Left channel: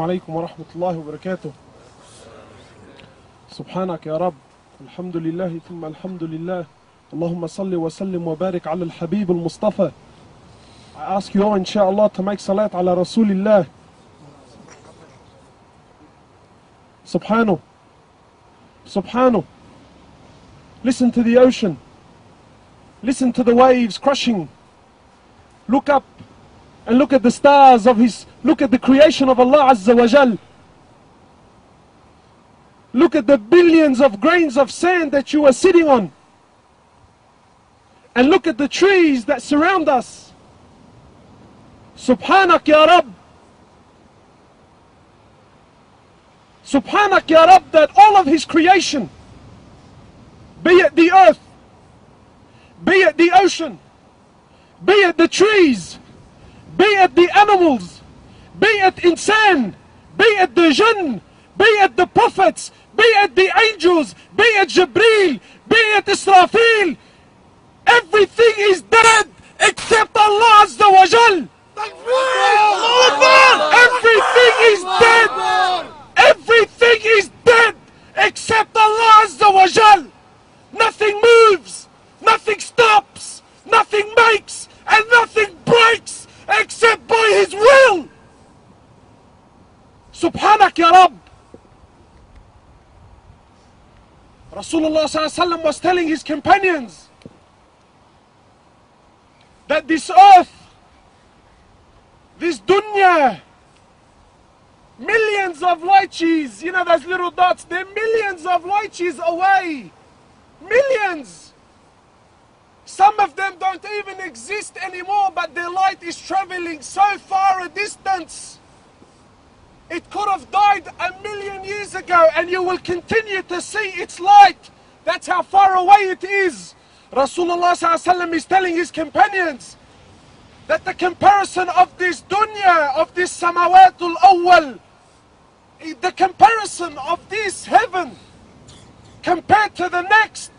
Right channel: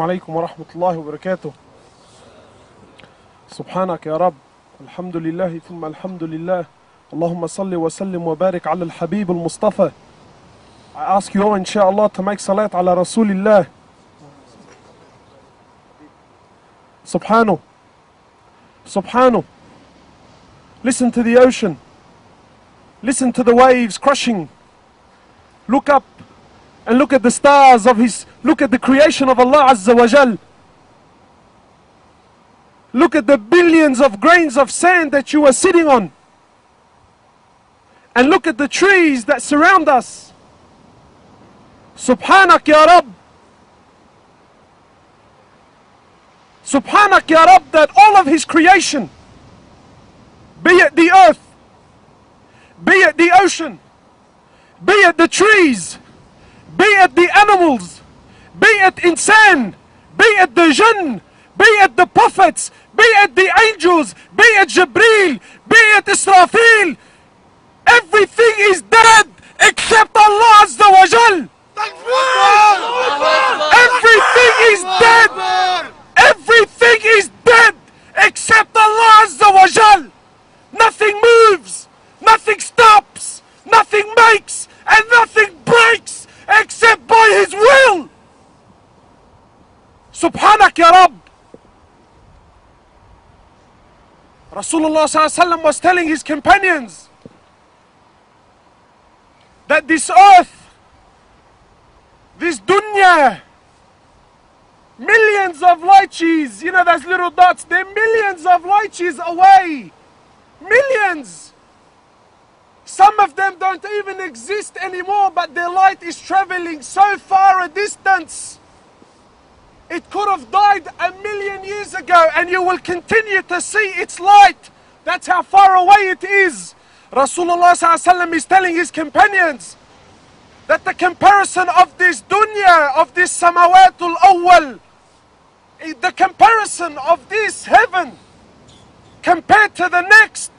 عليكم ورحمة الله وبركاته. سبحانك يا رب، الحمد لله ثم الحمد لله. اللهم صل وسلم وبارك على الحبيب المصطفى. I ask you all inshallah to make salat ala Rasulillah. Subhanahu. Subhanahu. Listen to the ocean. Listen to the waves crashing. Look up and look at the stars of His, look at the creation of Allah Azza wa Jal. Look at the billions of grains of sand that you are sitting on. And look at the trees that surround us. Subhanak ya Rabb. Subhanak ya Rabb, that all of His creation, be it the earth, be it the ocean, be it the trees, be it the animals, be it insan, be it the jinn, be it the prophets, be it the angels, be it Jibreel, be it Israfil, everything is dead except Allah Azza wa Jal. Everything is dead. Everything is dead except Allah Azza wa Jal. Nothing moves, nothing stops, nothing makes, and nothing breaks except by His will. Subhanak ya Rabb. Rasulullah ﷺ was telling his companions that this earth, this dunya, millions of light years, you know those little dots, they're millions of light years away. Millions. Some of them don't even exist anymore, but their light is traveling so far a distance. It could have died 1,000,000 years ago and you will continue to see its light. That's how far away it is. Rasulullah ﷺ is telling his companions that the comparison of this dunya, of this samawatul awwal, the comparison of this heaven compared to the next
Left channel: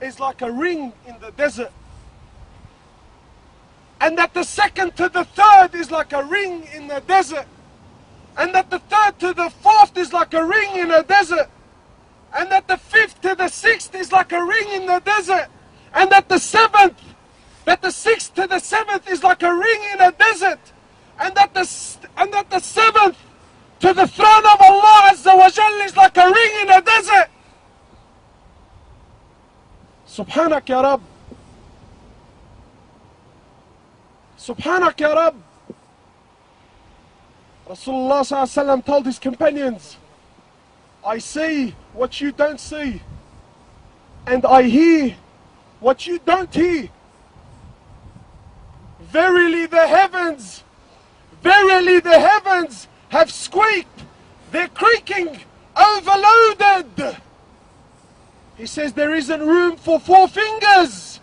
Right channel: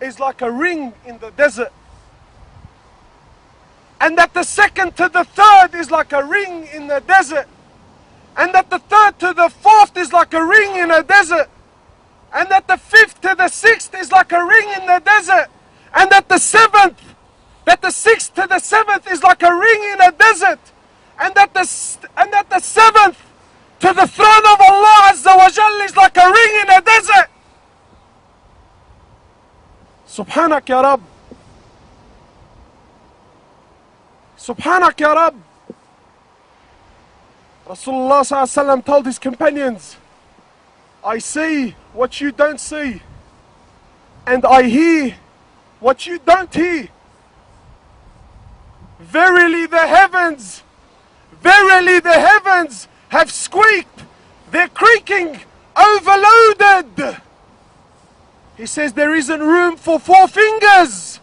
is like a ring in the desert. And that the second to the third is like a ring in the desert. And that the third to the fourth is like a ring in a desert. And that the fifth to the sixth is like a ring in the desert. And that the seventh, that the sixth to the seventh is like a ring in a desert. And that the seventh to the throne of Allah Azza wa Jal is like a ring in a desert. Subhanak ya Rabb. Subhanak ya Rabb. Rasulullah ﷺ told his companions, I see what you don't see, and I hear what you don't hear. Verily the heavens have squeaked, they're creaking, overloaded. He says there isn't room for 4 fingers.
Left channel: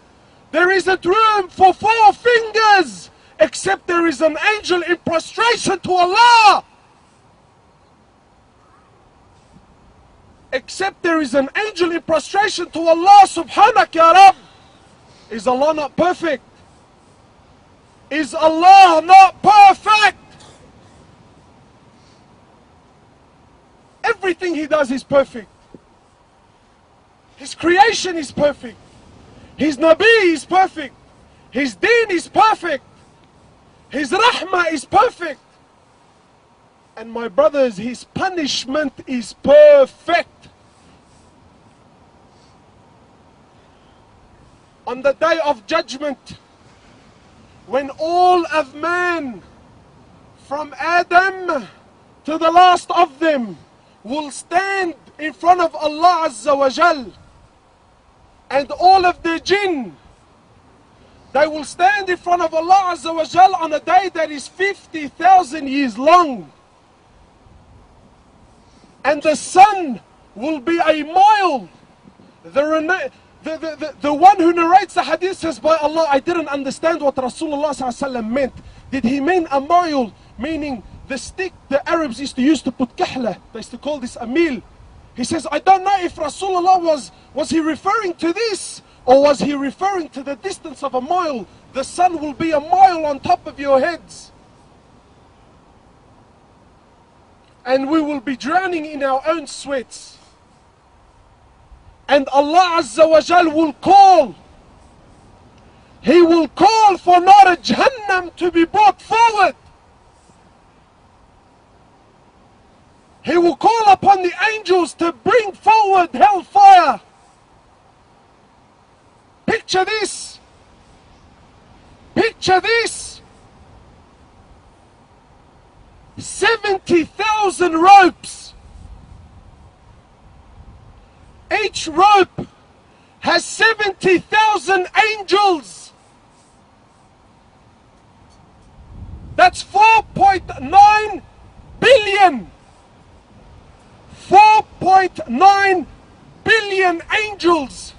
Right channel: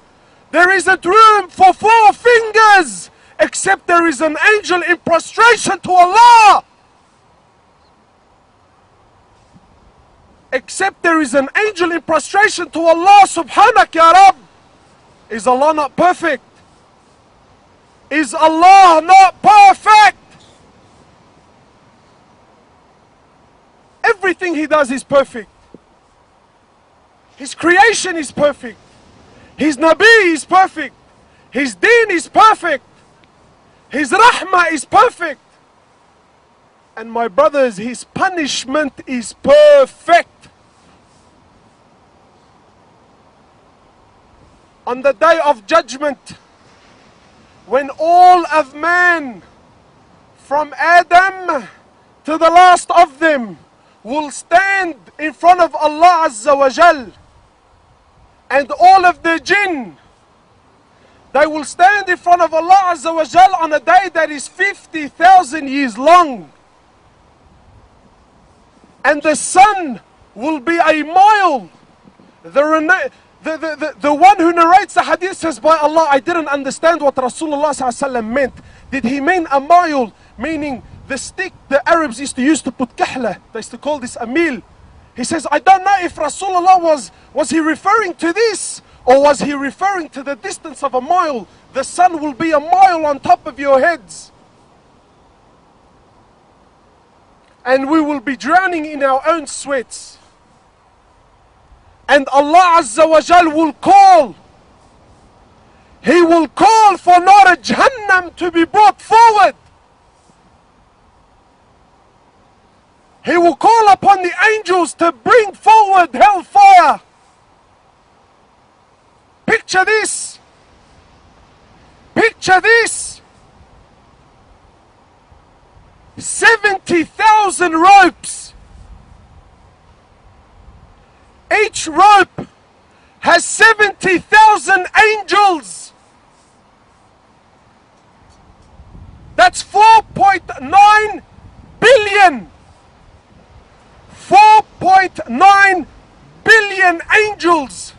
There isn't room for 4 fingers. Except there is an angel in prostration to Allah. Except there is an angel in prostration to Allah. Subhanak ya Rabb. Is Allah not perfect? Is Allah not perfect? Everything He does is perfect. His creation is perfect. His Nabi is perfect. His deen is perfect. His rahmah is perfect. And my brothers, His punishment is perfect. On the day of judgment, when all of man, from Adam to the last of them, will stand in front of Allah Azza wa Jal, and all of the jinn, they will stand in front of Allah Azza wa Jal on a day that is 50,000 years long. And the sun will be a mile. The one who narrates the hadith says, by Allah, I didn't understand what Rasulullah ﷺ meant. Did he mean a mile, meaning the stick the Arabs used to use to put kahla? They used to call this a meal. He says, I don't know if Rasulullah was he referring to this? Or was he referring to the distance of a mile? The sun will be a mile on top of your heads. And we will be drowning in our own sweats. And Allah Azza wa Jal will call. He will call for Nar Jahannam to be brought forward. He will call upon the angels to bring forward hellfire. Picture this. Picture this. 70,000 ropes. Each rope has 70,000 angels. That's 4.9 billion. 4.9 billion angels.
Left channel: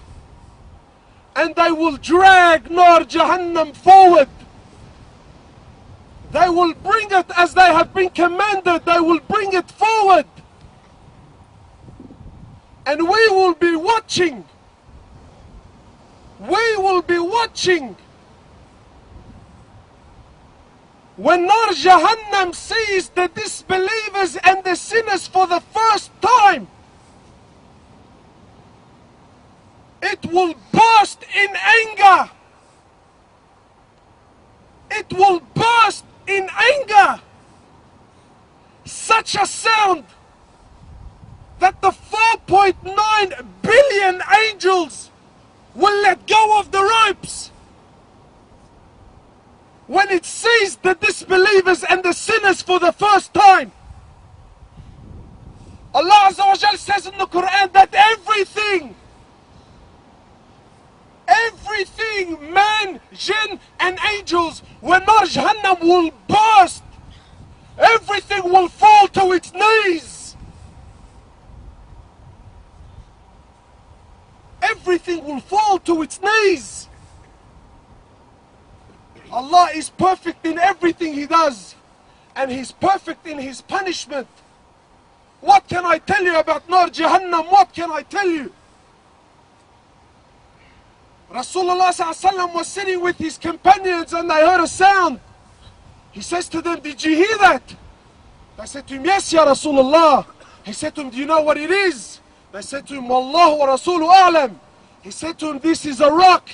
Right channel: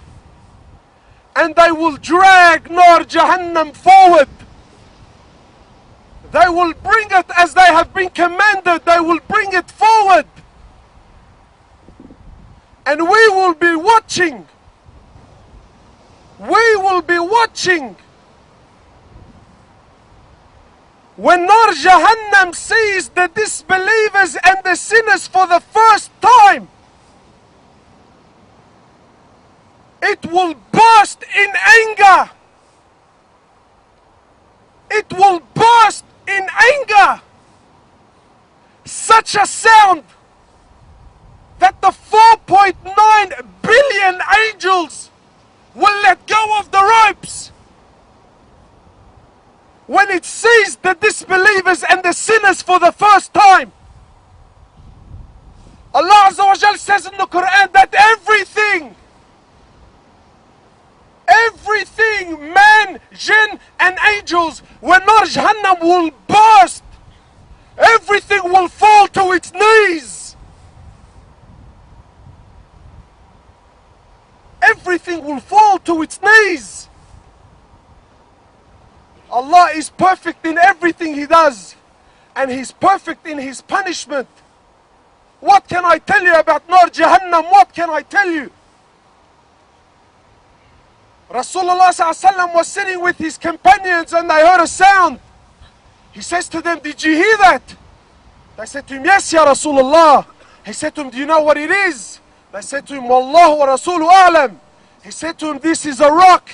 And they will drag Nar Jahannam forward. They will bring it as they have been commanded. They will bring it forward. And we will be watching. We will be watching. When Nar Jahannam sees the disbelievers and the sinners for the first time, it will burst in anger. It will burst in anger. Such a sound that the 4.9 billion angels will let go of the ropes. When it sees the disbelievers and the sinners for the first time. Allah Azza wa Jal says in the Quran that everything, man, jinn and angels, when Nar Jahannam will burst, everything will fall to its knees. Everything will fall to its knees. Allah is perfect in everything He does, and He's perfect in His punishment. What can I tell you about Nar Jahannam? What can I tell you? Rasulullah ﷺ was sitting with his companions and they heard a sound. He says to them, "Did you hear that?" They said to him, "Yes, Ya Rasulullah." He said to them, "Do you know what it is?" They said to him, "Wallahu wa Rasulu a'lam." He said to him, "This is a rock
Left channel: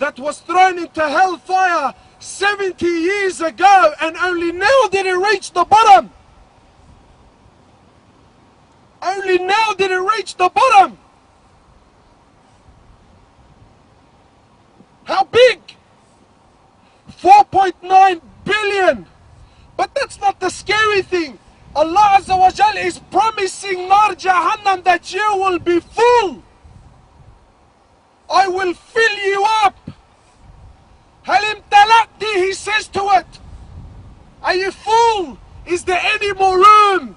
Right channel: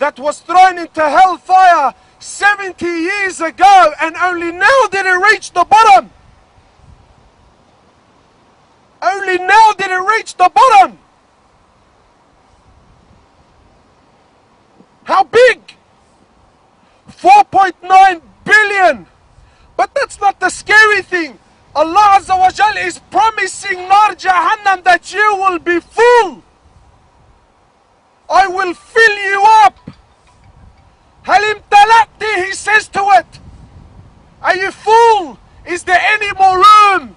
that was thrown into hellfire 70 years ago, and only now did it reach the bottom. Only now did it reach the bottom." How big? 4.9 billion. But that's not the scary thing. Allah Azza wa Jal is promising Nar Jahannam that you will be full. I will fill you up. Halim talaqti, He says to it. Are you full? Is there any more room?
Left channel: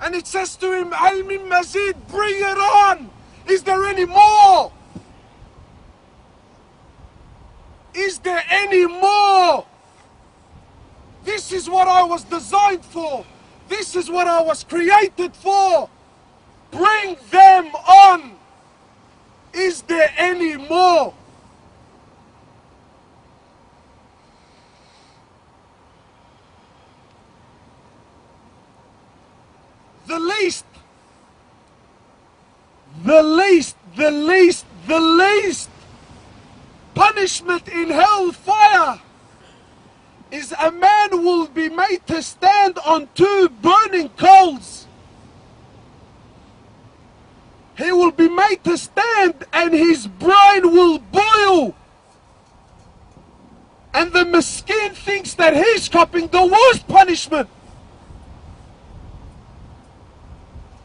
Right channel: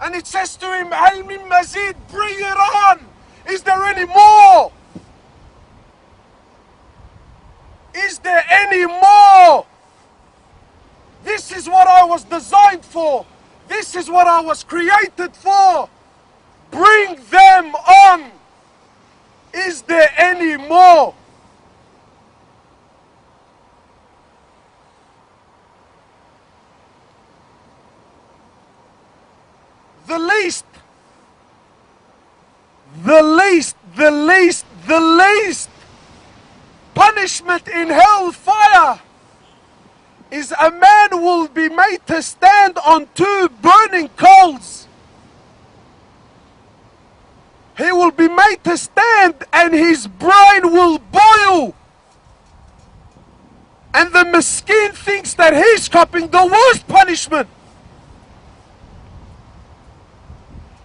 And it says to him, Hal min mazid, bring it on. Is there any more? Is there any more? This is what I was designed for. This is what I was created for. Bring them on. Is there any more? The least punishment in hellfire is a man will be made to stand on 2 burning coals. He will be made to stand and his brain will boil. And the miskin thinks that he's copying the worst punishment.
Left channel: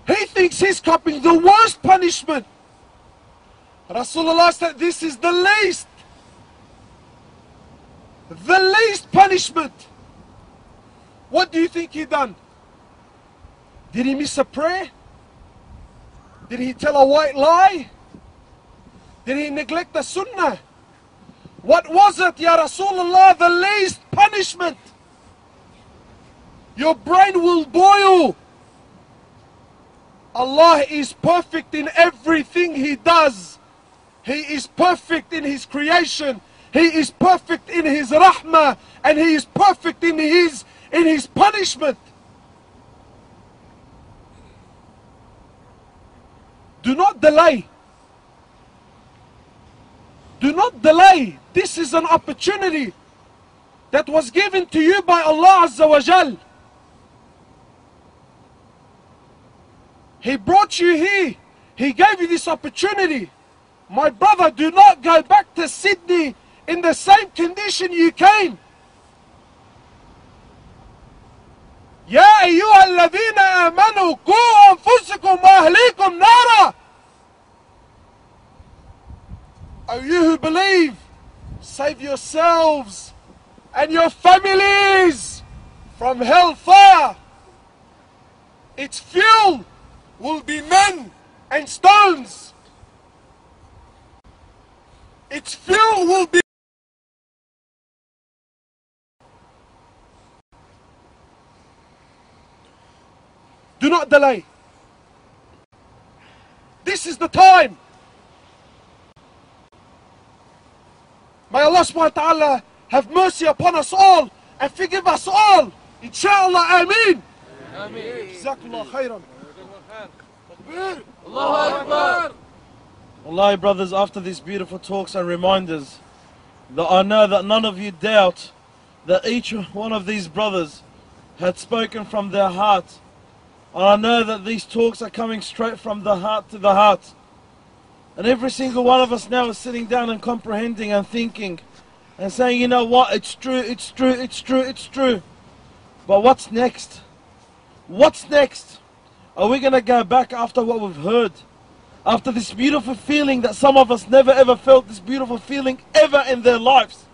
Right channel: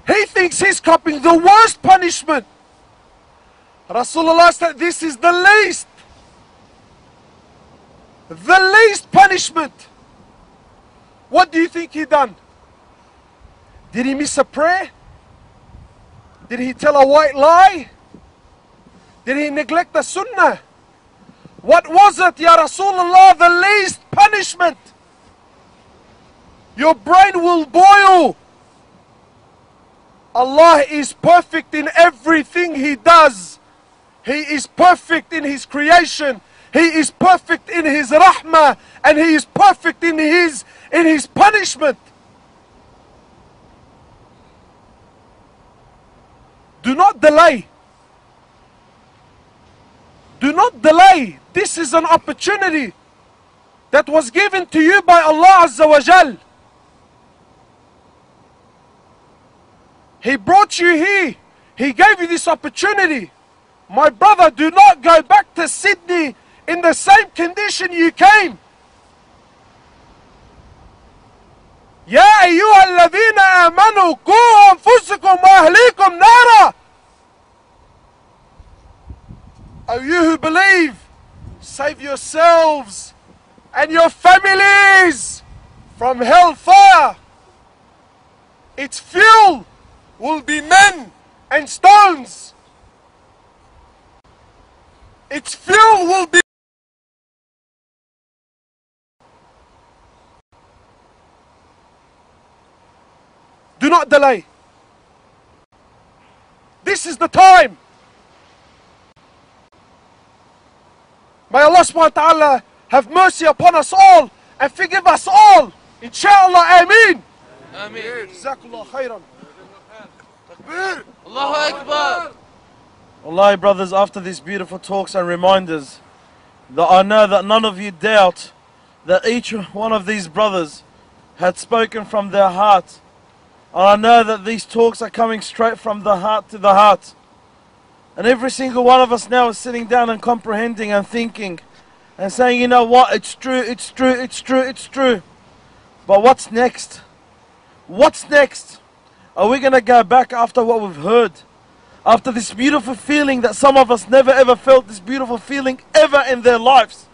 He thinks he's copying the worst punishment. Rasulullah said this is the least. The least punishment. What do you think he done? Did he miss a prayer? Did he tell a white lie? Did he neglect the sunnah? What was it, Ya Rasulullah, the least punishment? Your brain will boil. Allah is perfect in everything He does. He is perfect in His creation. He is perfect in His rahmah. And He is perfect in His punishment. Do not delay. Do not delay. This is an opportunity that was given to you by Allah Azza wa Jal. He brought you here. He gave you this opportunity. My brother, do not go back to Sydney in the same condition you came. يا أيها الذين آمنوا قوا أنفسكم وأهليكم نارا. O you who believe, save yourselves and your families from hellfire. Its fuel will be men and stones. Its fuel will be do not delay. This is the time. May Allah subhanahu wa ta'ala have mercy upon us all and forgive us all. Inshallah, Ameen. Ameen. Jazakallah khairan. Allahu Akbar. Wallahi, brothers, after these beautiful talks and reminders, that I know that none of you doubt that each one of these brothers had spoken from their heart. I know that these talks are coming straight from the heart to the heart. And every single one of us now is sitting down and comprehending and thinking and saying, you know what, it's true, it's true, it's true, it's true. But what's next? What's next? Are we going to go back after what we've heard? After this beautiful feeling that some of us never ever felt this beautiful feeling ever in their lives?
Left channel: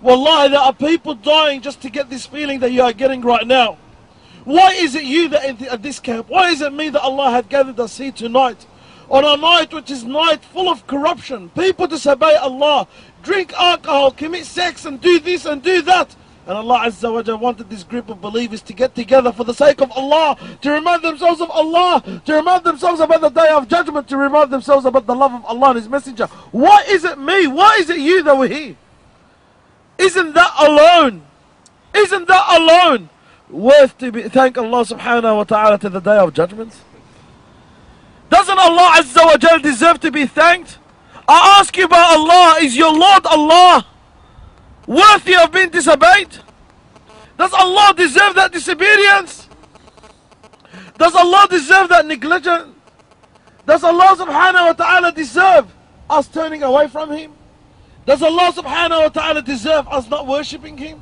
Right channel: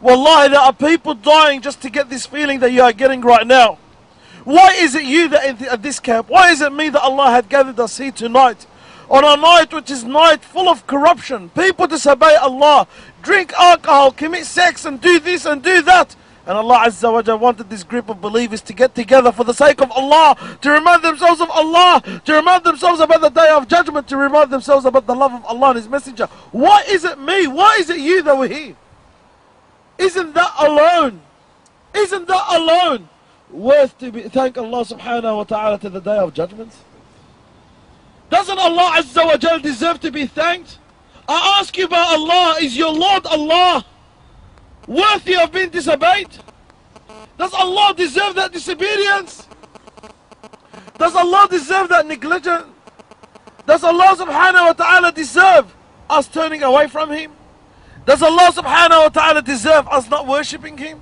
Wallahi, there are people dying just to get this feeling that you are getting right now. Why is it you that at this camp? Why is it me that Allah had gathered us here tonight? On a night which is night full of corruption. People disobey Allah, drink alcohol, commit sex and do this and do that. And Allah Azza wa Jalla wanted this group of believers to get together for the sake of Allah, to remind themselves of Allah, to remind themselves about the Day of Judgment, to remind themselves about the love of Allah and His Messenger. Why is it me? Why is it you that were here? Isn't that alone? Isn't that alone worth to thank Allah subhanahu wa ta'ala to the Day of Judgment? Doesn't Allah Azza wa Jal deserve to be thanked? I ask you about Allah, is your Lord Allah worthy of being disobeyed? Does Allah deserve that disobedience? Does Allah deserve that negligence? Does Allah subhanahu wa ta'ala deserve us turning away from Him? Does Allah subhanahu wa ta'ala deserve us not worshipping Him?